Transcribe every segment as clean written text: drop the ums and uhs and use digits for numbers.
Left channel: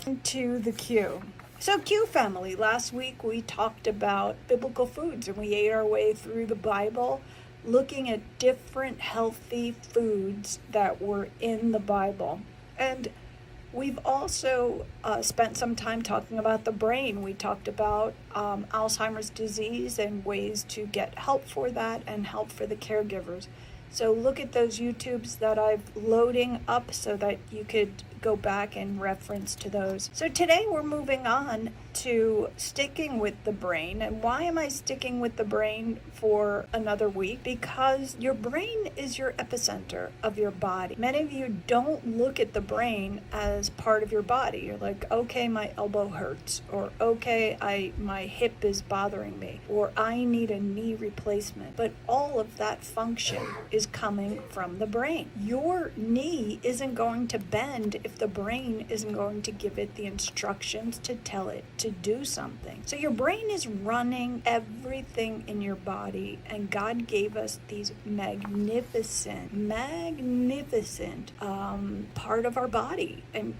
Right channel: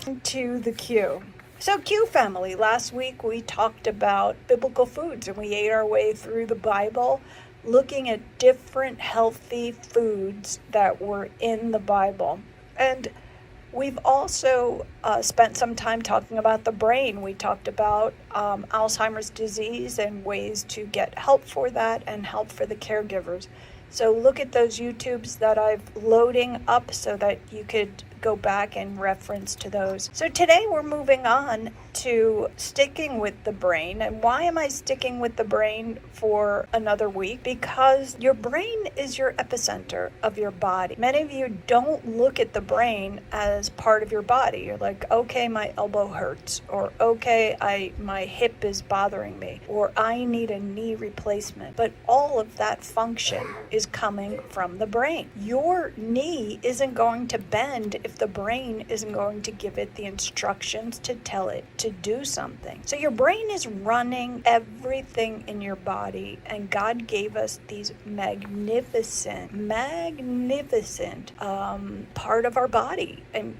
to the Q. So, Q family, last week we talked about biblical foods and we ate our way through the Bible looking at different healthy foods that were in the Bible. And we've also spent some time talking about the brain. We talked about Alzheimer's disease and ways to get help for that and help for the caregivers. So look at those YouTubes that I'm loading up so that you could go back and reference to those. So today we're moving on to sticking with the brain. And why am I sticking with the brain for another week? Because your brain is your epicenter of your body. Many of you don't look at the brain as part of your body. You're like, okay, my elbow hurts, or okay, my hip is bothering me, or I need a knee replacement. But all of that function is coming from the brain. Your knee isn't going to bend if the brain isn't going to give it the instructions to tell it to do something. So your brain is running everything in your body, and God gave us these magnificent part of our body. And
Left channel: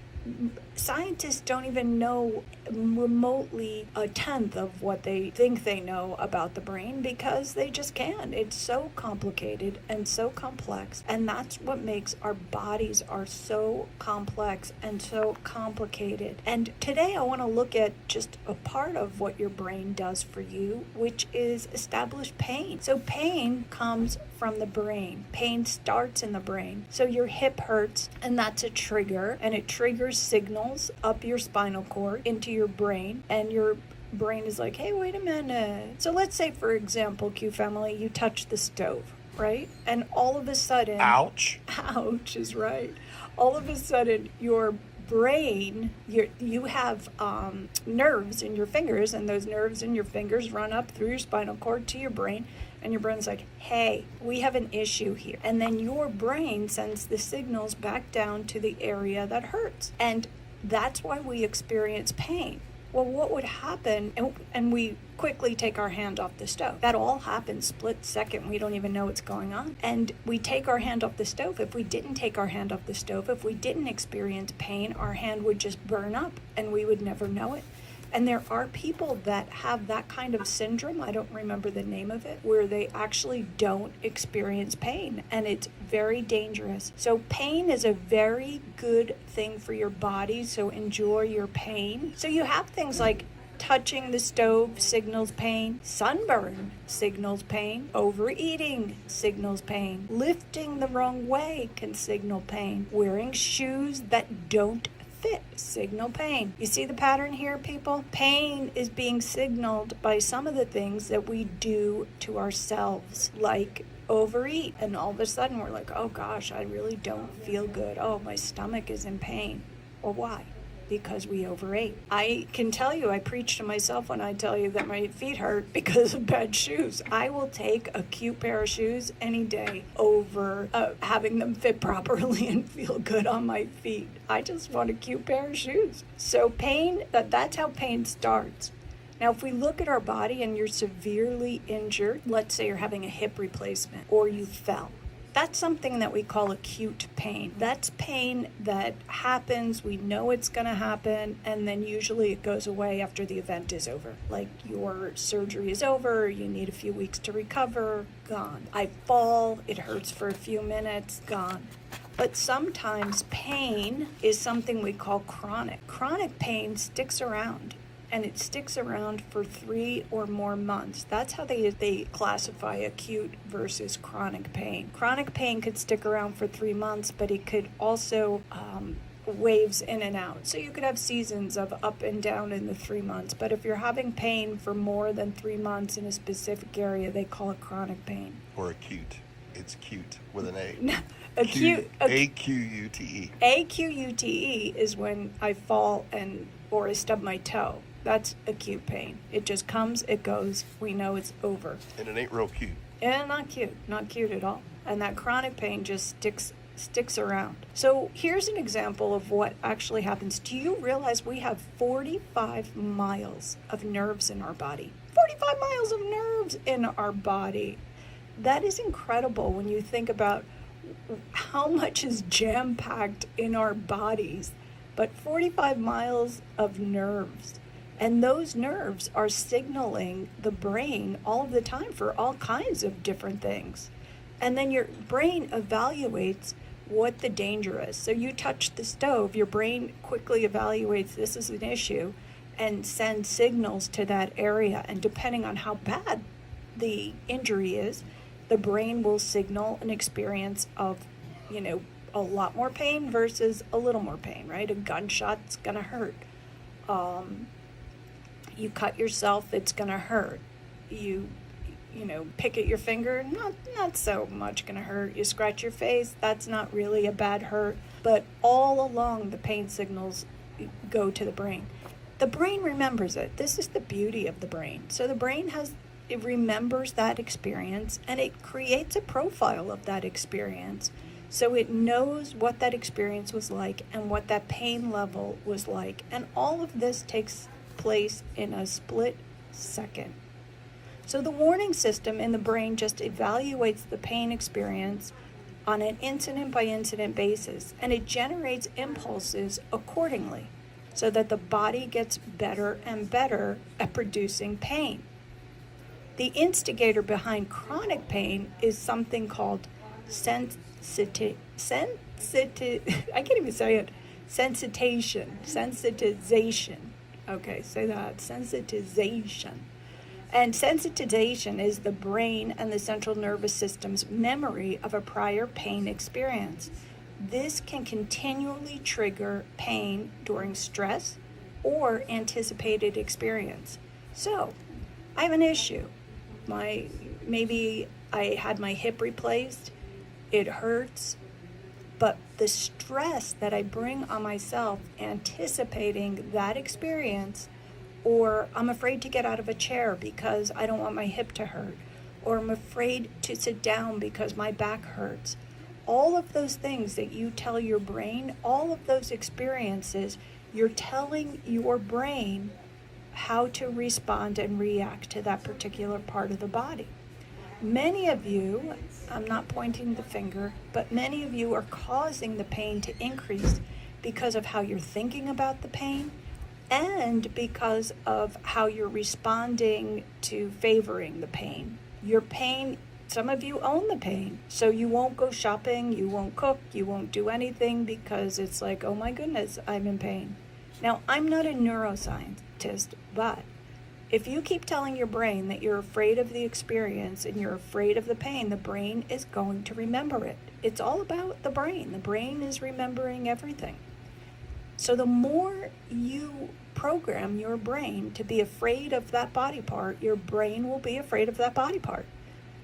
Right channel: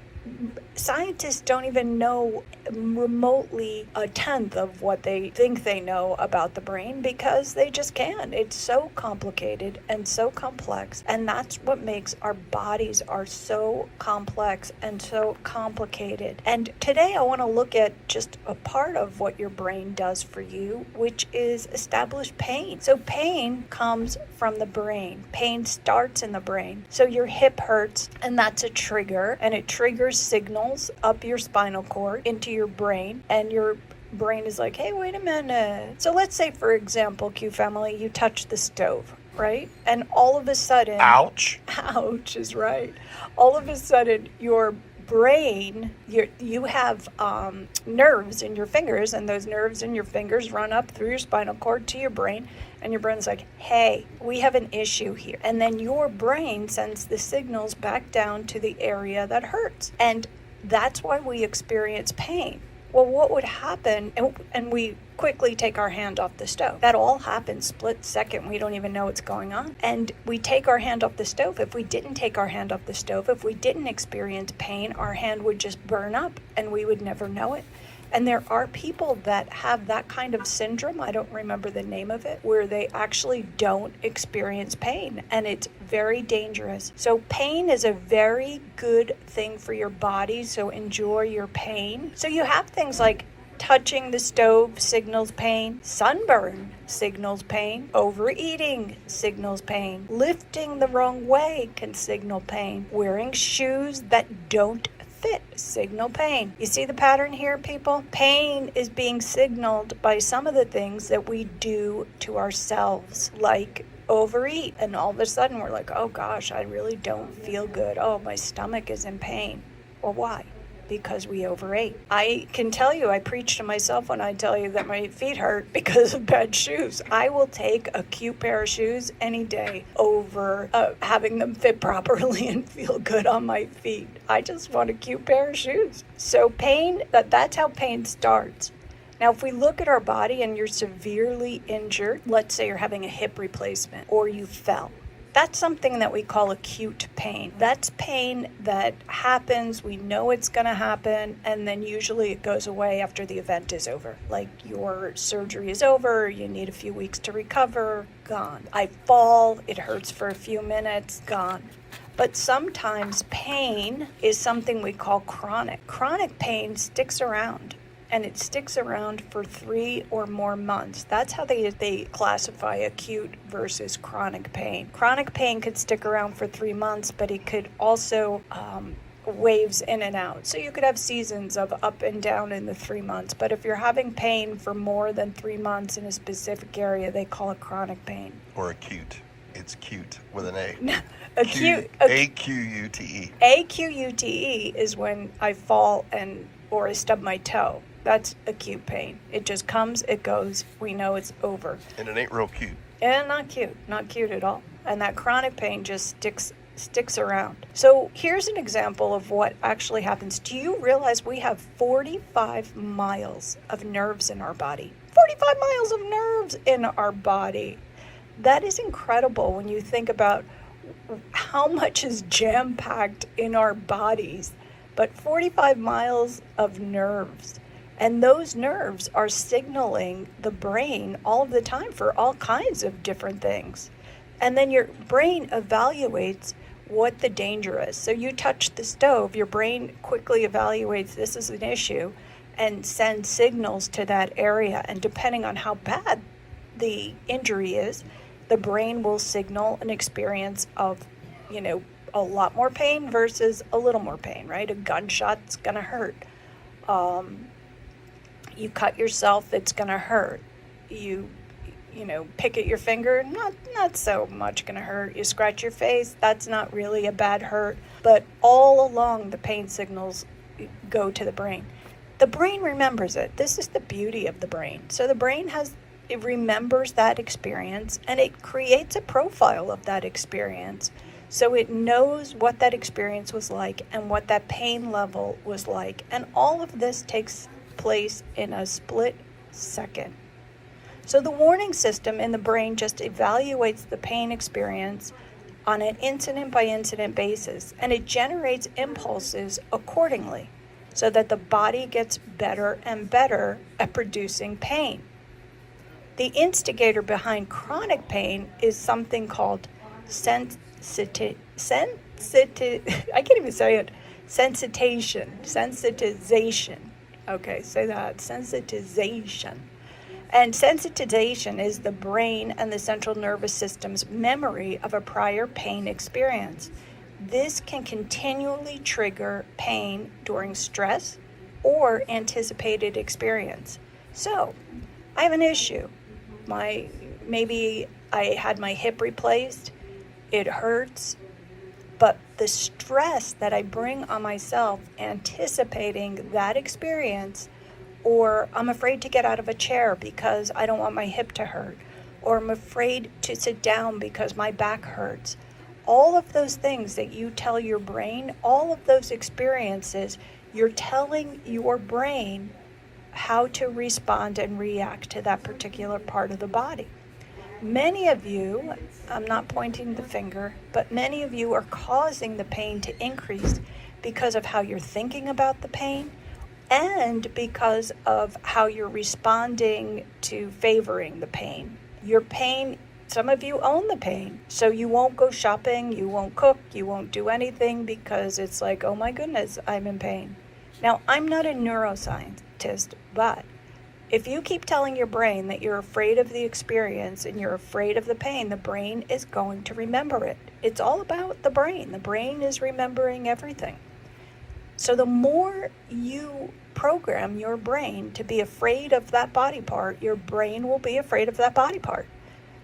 scientists don't even know remotely a tenth of what they think they know about the brain because they just can't. It's so complicated and so complex, and that's what makes our bodies are so complex and so complicated. And today I want to look at just a part of what your brain does for you, which is establish pain. So pain comes from the brain. Pain starts in the brain. So your hip hurts, and that's a trigger, and it triggers signals up your spinal cord into your brain, and your brain is like, hey, wait a minute. So let's say, for example, Q family, you touch the stove, right? And all of a sudden, ouch is right. All of a sudden, your brain, you have nerves in your fingers, and those nerves in your fingers run up through your spinal cord to your brain, and your brain's like, hey, we have an issue here. And then your brain sends the signals back down to the area that hurts. And that's why we experience pain. Well, what would happen, and we quickly take our hand off the stove. That all happens split second. We don't even know what's going on. And we take our hand off the stove. If we didn't take our hand off the stove, if we didn't experience pain, our hand would just burn up and we would never know it. And there are people that have that kind of syndrome, I don't remember the name of it, where they actually don't experience pain, and it's very dangerous. So pain is a very good thing for your body, so enjoy your pain. So you have things like touching the stove signals pain, sunburn signals pain, overeating signals pain, lifting the wrong way can signal pain, wearing shoes that don't fit signal pain. You see the pattern here, people? Pain is being signaled by some of the things that we do to ourselves, like overeat, and all of a sudden we're like, oh gosh, I really don't feel good. Oh, my stomach is in pain. Well, why? Because we overate. I can tell you, I preach to myself when I tell you that my feet hurt because of bad shoes. I will take a cute pair of shoes any day over having them fit properly and feel good on my feet. I just want a cute pair of shoes. So pain, that's how pain starts. Now, if we look at our body and you're severely injured, let's say you're having a hip replacement or you fell, that's something that we call acute pain. That's pain that happens, we know it's going to happen, and then usually it goes away after the event is over. Like your surgery is over, you need a few weeks to recover, gone. I fall, it hurts for a few minutes, gone. But sometimes pain is something we call chronic. Chronic pain sticks around. And it sticks around for 3 or more months. That's how they classify acute versus chronic pain. Chronic pain could stick around for 3 months, but it could also waves in and out. So you could have seasons of up and down in the 3 months. But if you're having pain for more than 3 months in a specific area, they call it chronic pain. Or acute. It's cute with an A. Acute. A-Q-U-T-E. A-Q-U-T-E is when I fall or I stub my toe. That's acute pain. It just comes, it goes, we know it's over. And it ain't real cute. And not cute at all. And that chronic pain just sticks around. So here's an example of what actually happens. Do you realize we have 45 miles of nerves in our body? 45 miles of nerves in our body. That is incredible when you think about how much is jam-packed in our bodies. but 45 miles of nerves. And those nerves are signaling the brain all of the time for all kinds of different things. And then your brain evaluates what the danger is. So you touch the stove, your brain quickly evaluates this is an issue and sends signals to that area. And depending on how bad the injury is, the brain will signal an experience of, a lot more pain versus a little more pain, right? A gunshot's gonna hurt. You cut yourself, it's gonna hurt. You pick at your finger, not so much gonna hurt. You scratch your face, that's not really a bad hurt. But all along, the pain signals go to the brain. The brain remembers it. This is the beauty of the brain. So the brain it remembers that experience, and it creates a profile of that experience. So it knows what that experience was like and what that pain level was like. And all of this takes place in a split second. So the warning system in the brain just evaluates the pain experience on an incident by incident basis, and it generates impulses accordingly so that the body gets better and better at producing pain. The instigator behind chronic pain is something called sensitization. Okay, say that. Sensitization. And sensitization is the brain and the central nervous system's memory of a prior pain experience. This can continually trigger pain during stress or anticipated experience. So, I have an issue. Maybe I had my hip replaced. It hurts. But the stress that I bring on myself anticipating that experience, or I'm afraid to get out of a chair because I don't want my hip to hurt, or I'm afraid to sit down because my back hurts. All of those things that you tell your brain, all of those experiences, you're telling your brain how to respond and react to that particular part of the body. Many of you, I'm not pointing the finger, but many of you are causing the pain to increase because of how you're thinking about the pain and because of how you're responding to favoring the pain. Your pain, some of you own the pain, so you won't go shopping, you won't cook, you won't do anything because it's like, oh my goodness, I'm in pain. Now, I'm not a neuroscientist, but if you keep telling your brain that you're afraid of the experience and you're afraid of the pain, the brain is going to remember it. It's all about the brain. The brain is remembering everything. So the more you program your brain to be afraid of that body part, your brain will be afraid of that body part.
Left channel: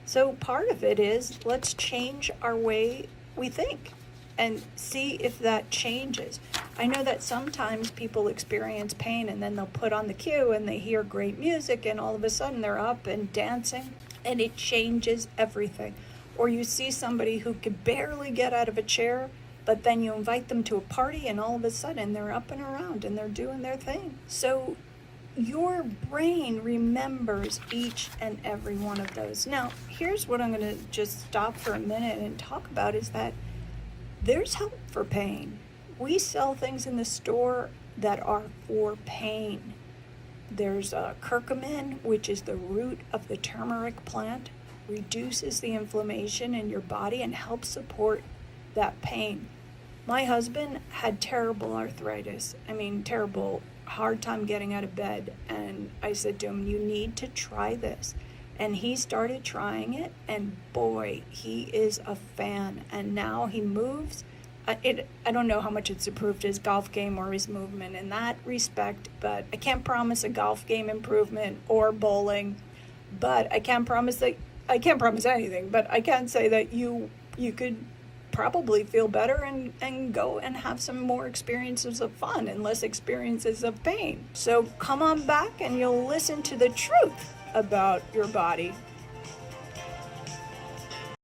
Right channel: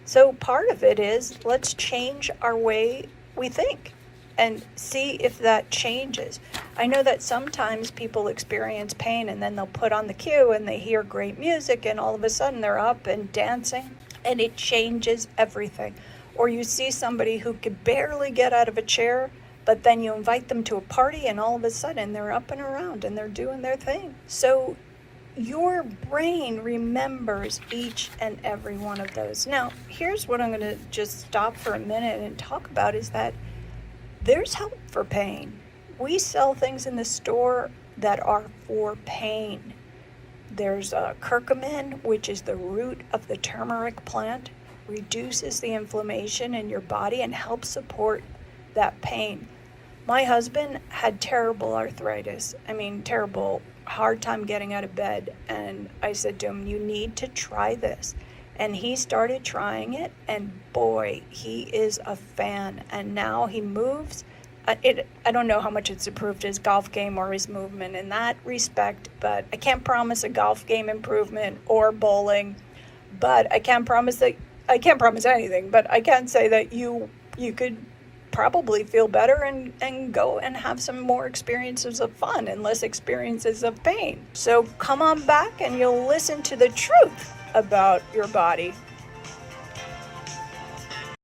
So part of it is, let's change our way we think and see if that changes. I know that sometimes people experience pain and then they'll put on the cue and they hear great music and all of a sudden they're up and dancing and it changes everything. Or you see somebody who could barely get out of a chair, but then you invite them to a party and all of a sudden they're up and around and they're doing their thing. So your brain remembers each and every one of those. Now, here's what I'm going to just stop for a minute and talk about is that there's help for pain. We sell things in the store that are for pain. There's curcumin, which is the root of the turmeric plant, reduces the inflammation in your body and helps support that pain. My husband had terrible arthritis. Terrible, hard time getting out of bed. And I said to him, you need to try this. And he started trying it, and boy, he is a fan. And now he moves. I don't know how much it's improved his golf game or his movement in that respect, but I can't promise a golf game improvement or bowling. But I can't promise anything, but I can say that you could probably feel better and go and have some more experiences of fun and less experiences of pain. So come on back and you'll listen to the truth about your body.